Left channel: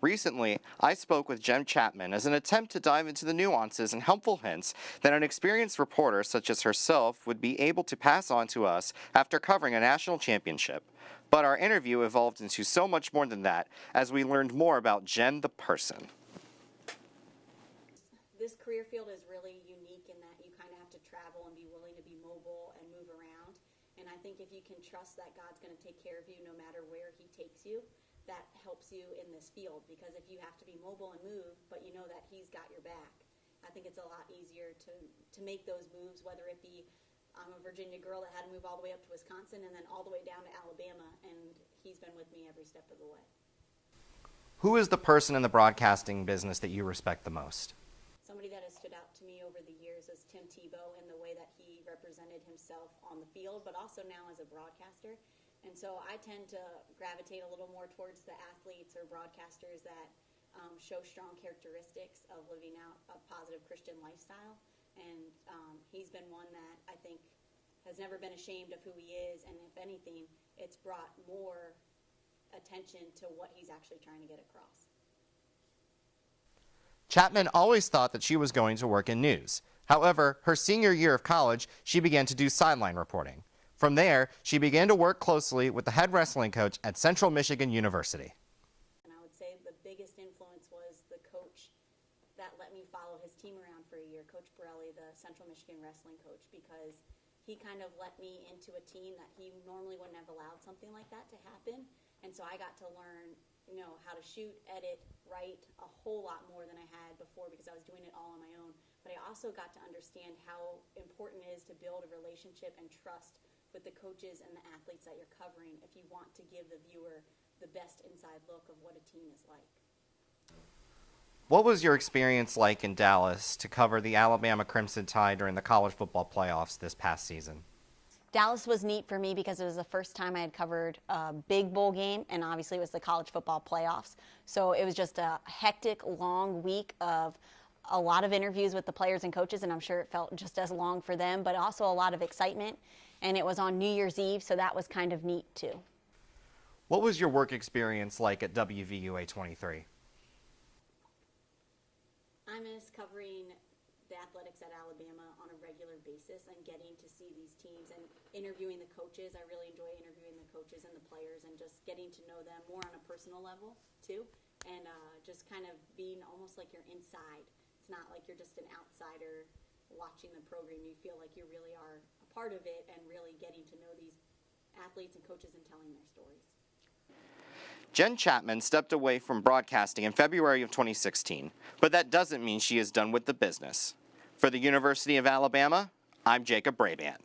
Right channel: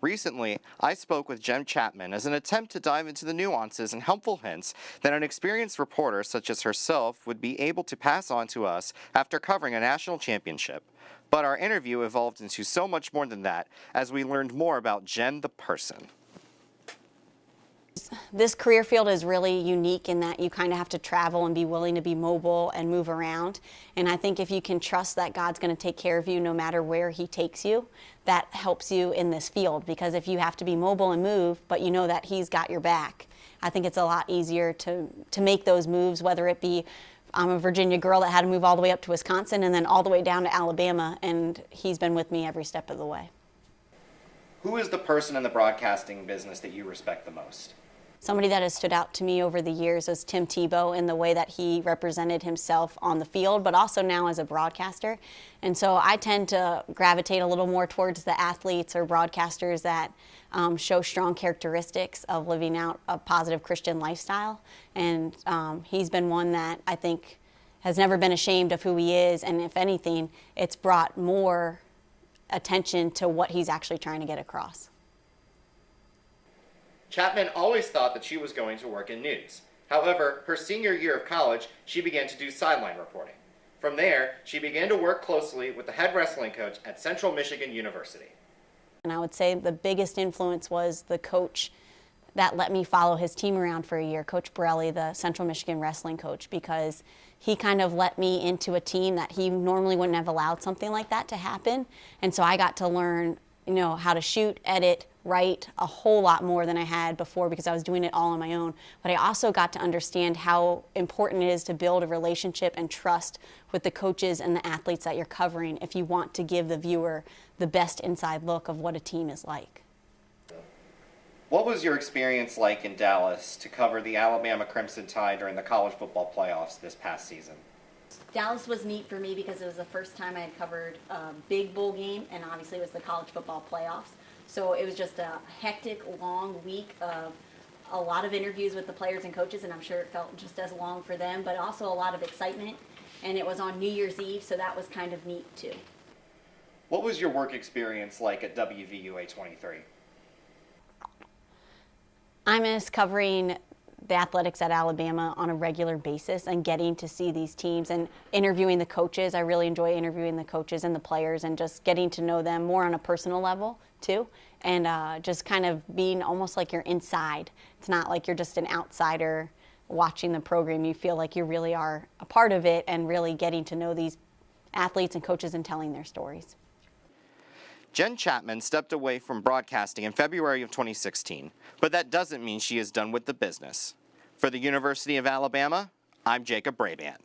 Recently, I spoke with Jen Chapman as an attempt to dive into the nuances and helpful hints that an experienced reporter such as herself would be able to pass on to us after covering a national championship. But our interview evolved into so much more than that as we learned more about Jen the person. This career field is really unique in that you kind of have to travel and be willing to be mobile and move around. And I think if you can trust that God's going to take care of you no matter where He takes you, that helps you in this field. Because if you have to be mobile and move, but you know that He's got your back, I think it's a lot easier to make those moves, whether it be I'm a Virginia girl that had to move all the way up to Wisconsin and then all the way down to Alabama, and He's been with me every step of the way. Who is the person in the broadcasting business that you respect the most? Somebody that has stood out to me over the years is Tim Tebow in the way that he represented himself on the field, but also now as a broadcaster. And so I tend to gravitate a little more towards the athletes or broadcasters that show strong characteristics of living out a positive Christian lifestyle. And he's been one that I think has never been ashamed of who he is. And if anything, it's brought more attention to what he's actually trying to get across. Chapman always thought that she was going to work in news. However, her senior year of college, she began to do sideline reporting. From there, she began to work closely with the head wrestling coach at Central Michigan University. And I would say the biggest influence was the coach that let me follow his team around for a year, Coach Borelli, the Central Michigan wrestling coach, because he kind of let me into a team that he normally wouldn't have allowed something like that to happen. And so I got to learn, how to shoot, edit, write a whole lot more than I had before because I was doing it all on my own. But I also got to understand how important it is to build a relationship and trust with the coaches and the athletes that you're covering if you want to give the viewer the best inside look of what a team is like. What was your experience like in Dallas to cover the Alabama Crimson Tide during the college football playoffs this past season? Dallas was neat for me because it was the first time I had covered a big bowl game, and obviously it was the college football playoffs. So it was just a hectic, long week of a lot of interviews with the players and coaches, and I'm sure it felt just as long for them, but also a lot of excitement. And it was on New Year's Eve, so that was kind of neat too. What was your work experience like at WVUA 23? I miss covering the athletics at Alabama on a regular basis and getting to see these teams and interviewing the coaches. I really enjoy interviewing the coaches and the players and just getting to know them more on a personal level too, and just kind of being almost like you're inside. It's not like you're just an outsider watching the program. You feel like you really are a part of it and really getting to know these athletes and coaches and telling their stories. Jen Chapman stepped away from broadcasting in February of 2016, but that doesn't mean she is done with the business. For the University of Alabama, I'm Jacob Brabant.